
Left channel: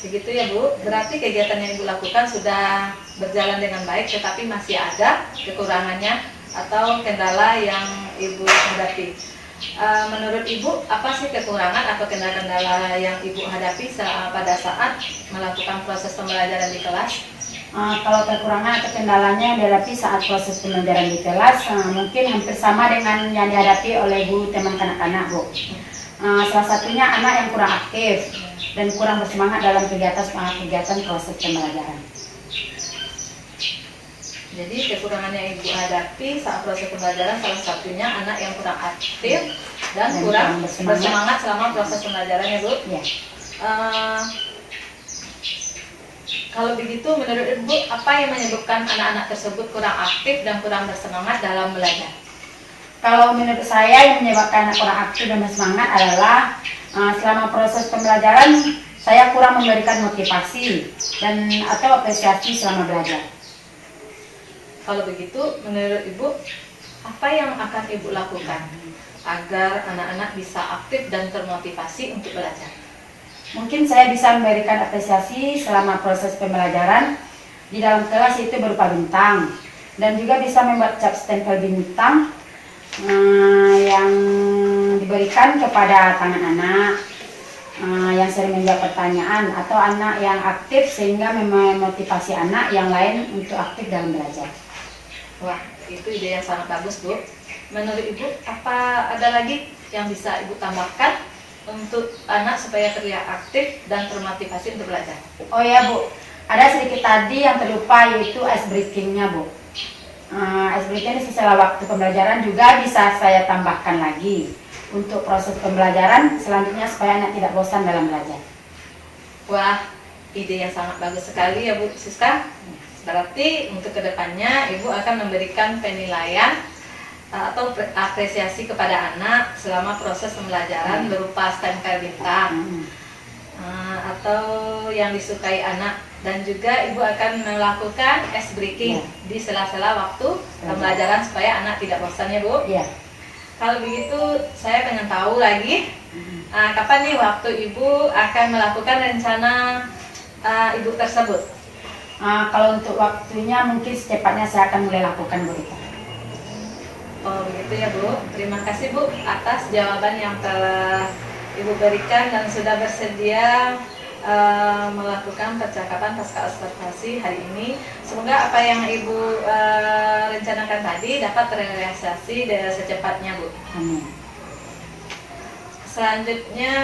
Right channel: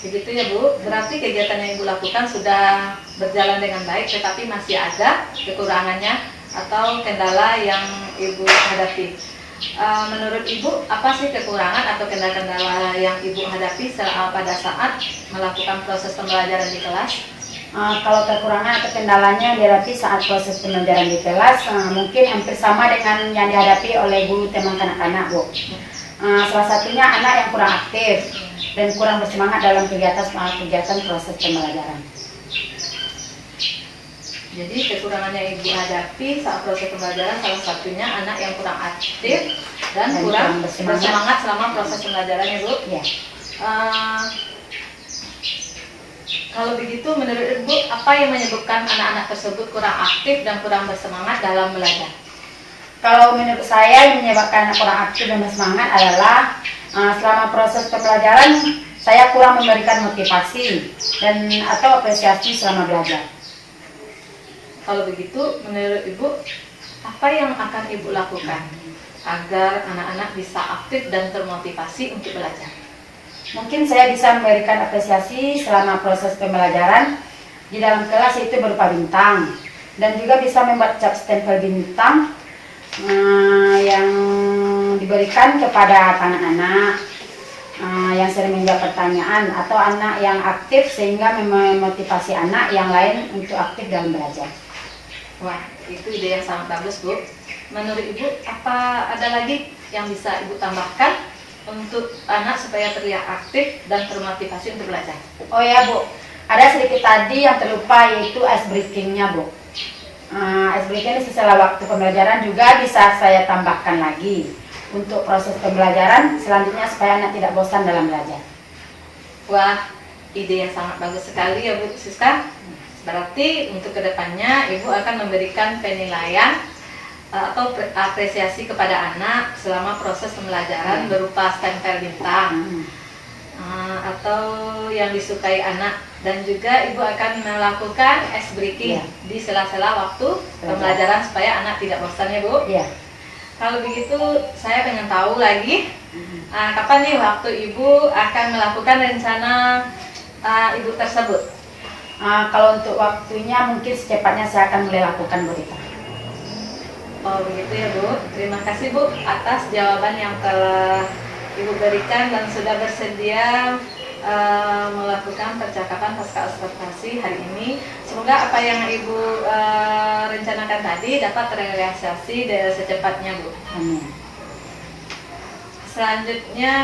begitu ya Bu. Berarti kegiatan yang Ibu lakukan sudah berjalan dengan baik, tetapi masih ada kekurangannya atau kendala yang Ibu hadapi. Menurut Ibu, apa sih kekurangan atau kendala-kendala yang Ibu hadapi pada saat melakukan proses pembelajaran di kelas? Kalau kekurangan atau kendalanya dihadapi saat proses pembelajaran di kelas, mungkin hampir sama dengan yang dihadapi oleh guru teman kanak-kanak Bu. Salah satunya anak yang kurang aktif dan kurang bersemangat dalam kegiatan proses pembelajaran. Jadi kekurangan yang Ibu hadapi saat proses pembelajaran salah satunya anak yang kurang aktif dan kurang bersemangat selama proses pembelajaran ya Bu. Ya. Kalau begitu menurut Ibu, apa yang menyebabkan anak-anak tersebut kurang aktif dan kurang bersemangat dalam belajar? Kalau menurut saya yang menyebabkan anak kurang aktif dan bersemangat adalah selama proses pembelajaran saya kurang memberikan motivasi dan atau apresiasi selama belajar. Kalau begitu, menurut Ibu, apa yang akan Ibu lakukan agar anak-anak bisa aktif dan termotivasi untuk belajar? Mungkin saya bisa memberikan apresiasi selama proses pembelajaran di dalam kelas itu berupa bintang, dan juga bisa membuat cap stempel bintang yang diberikan kepada anak-anak yang sering menjawab pertanyaan atau anak yang aktif sehingga memotivasi anak yang lain untuk aktif dalam belajar. Wah, itu ide yang sangat bagus Bu. Menurut Ibu, apa ada lagi yang bisa Ibu tambahkan untuk anak supaya terlihat aktif dan termotivasi untuk belajar? Oh ya Bu, ada sedikit tadi yang terlupa yaitu ice breaking-nya Bu. Ice breaking setelah waktu pembelajaran juga bisa saya tambahkan lagi untuk proses pembelajaran selanjutnya supaya anak tidak bosan dalam belajar. Wah, ide yang sangat bagus sekali ya Bu Siska. Berarti untuk kedepannya Ibu akan memberikan penilaian atau apresiasi kepada anak selama proses pembelajaran berupa stempel bintang atau yang disukai anak Dan juga Ibu akan melakukan ice breaking Iya. di sela-sela waktu pembelajaran supaya anak tidak bosan ya Bu. Iya. Kalau begitu saya pengen tahu lagi kapan nih waktu Ibu akan melakukan rencana Ibu tersebut. Kalau untuk waktunya mungkin secepatnya saya akan mulai lakukan Bu Rita. Oh begitu ya Bu. Terima kasih Bu atas jawaban yang telah Ibu berikan dan sudah bersedia melakukan percakapan pasca observasi hari ini. Semoga apa yang Ibu rencanakan tadi dapat terrealisasi secepatnya Bu. Amin. Selanjutnya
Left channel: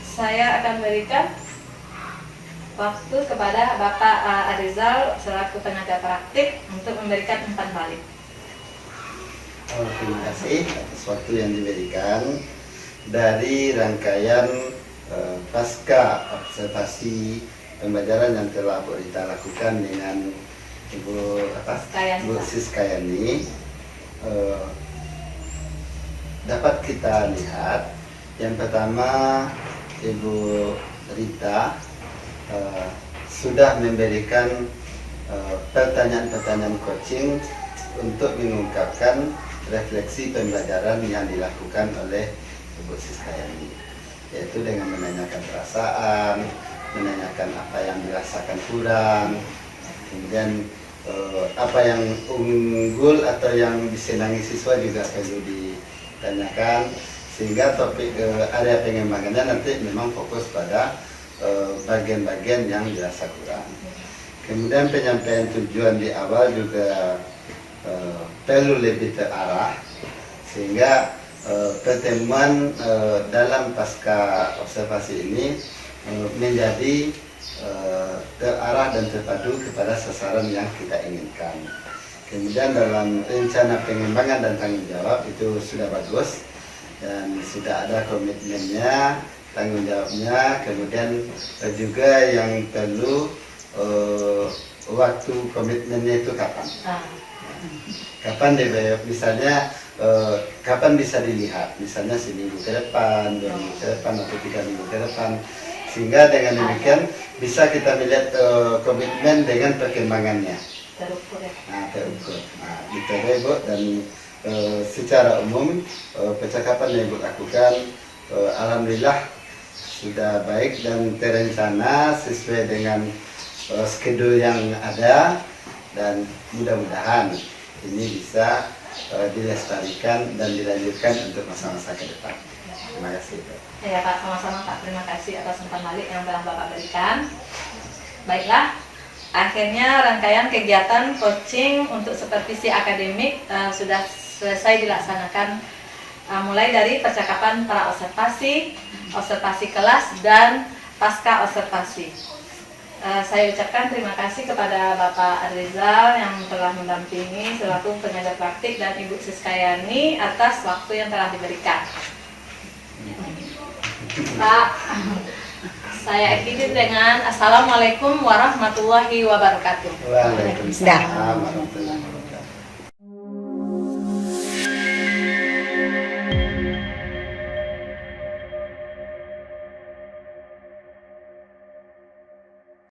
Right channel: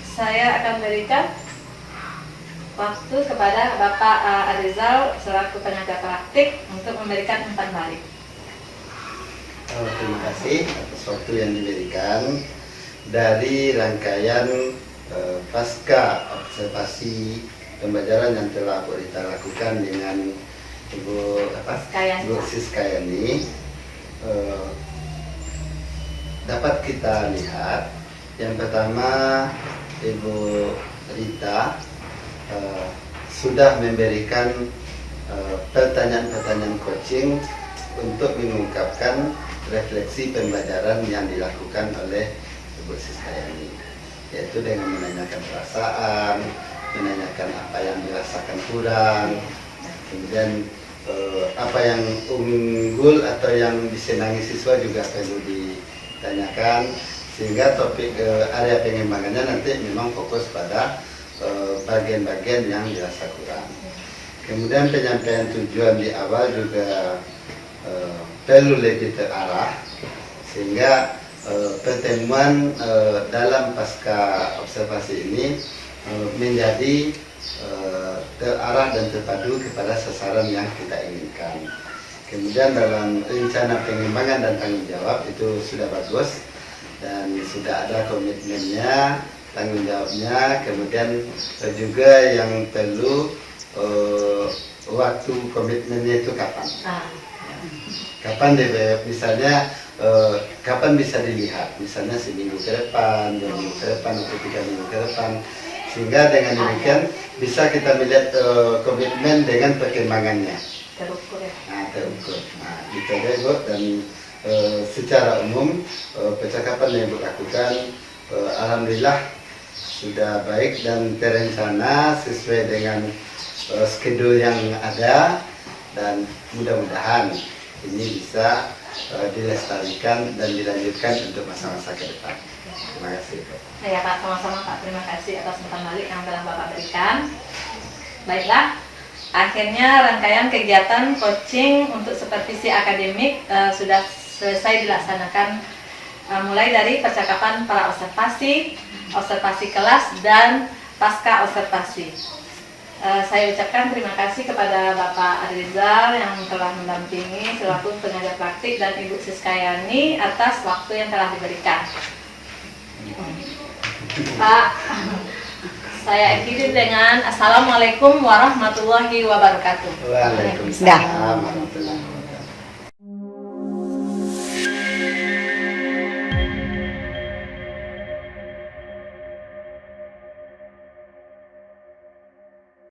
saya akan berikan waktu kepada Bapak Arizal selaku pengajar praktik untuk memberikan umpan balik. Terima kasih atas waktu yang diberikan dari rangkaian pasca observasi pembelajaran yang telah Bu Rita lakukan dengan Ibu Skayani. Bu Siskayani. Dapat kita lihat yang pertama Ibu Rita sudah memberikan pertanyaan-pertanyaan coaching untuk mengungkapkan refleksi pembelajaran yang dilakukan oleh Ibu Siskayani, yaitu dengan menanyakan perasaan, menanyakan apa yang dirasakan kurang, kemudian apa yang unggul atau yang disenangi siswa juga perlu ditanyakan, sehingga topik area pengembangannya nanti memang fokus pada bagian-bagian yang dirasa kurang. Kemudian penyampaian tujuan di awal juga perlu lebih terarah, sehingga pertemuan dalam pasca observasi ini menjadi terarah dan terpadu kepada sasaran yang kita inginkan. Kemudian dalam rencana pengembangan dan tanggung jawab itu sudah bagus dan sudah ada komitmennya, tanggung jawabnya. Kemudian juga yang perlu waktu komitmennya itu kapan? Kapan misalnya kapan bisa dilihat, misalnya seminggu ke depan, 2 minggu ke depan, atau 3 minggu ke depan, sehingga dengan demikian bisa kita melihat komitmen dengan perkembangannya. Terukur ya. Terukur. Itu aja Ibu, dan secara umum percakapan yang Ibu lakukan alhamdulillah sudah baik dan terencana sesuai dengan schedule yang ada, dan mudah-mudahan ini bisa dilestarikan dan dilanjutkan untuk masa-masa ke depan. Terima kasih Pak. Ya Pak, sama-sama Pak. Terima kasih atas umpan balik yang telah Bapak berikan. Baiklah, akhirnya rangkaian kegiatan coaching untuk supervisi akademik sudah selesai dilaksanakan, mulai dari percakapan para observasi, observasi kelas, dan pasca observasi. Saya ucapkan terima kasih kepada Bapak Arizal yang telah mendampingi selaku pengajar praktik dan Ibu Siskayani atas waktu yang telah diberikan. Pak, saya akhiri dengan Assalamualaikum warahmatullahi wabarakatuh. Waalaikumsalam warahmatullahi wabarakatuh.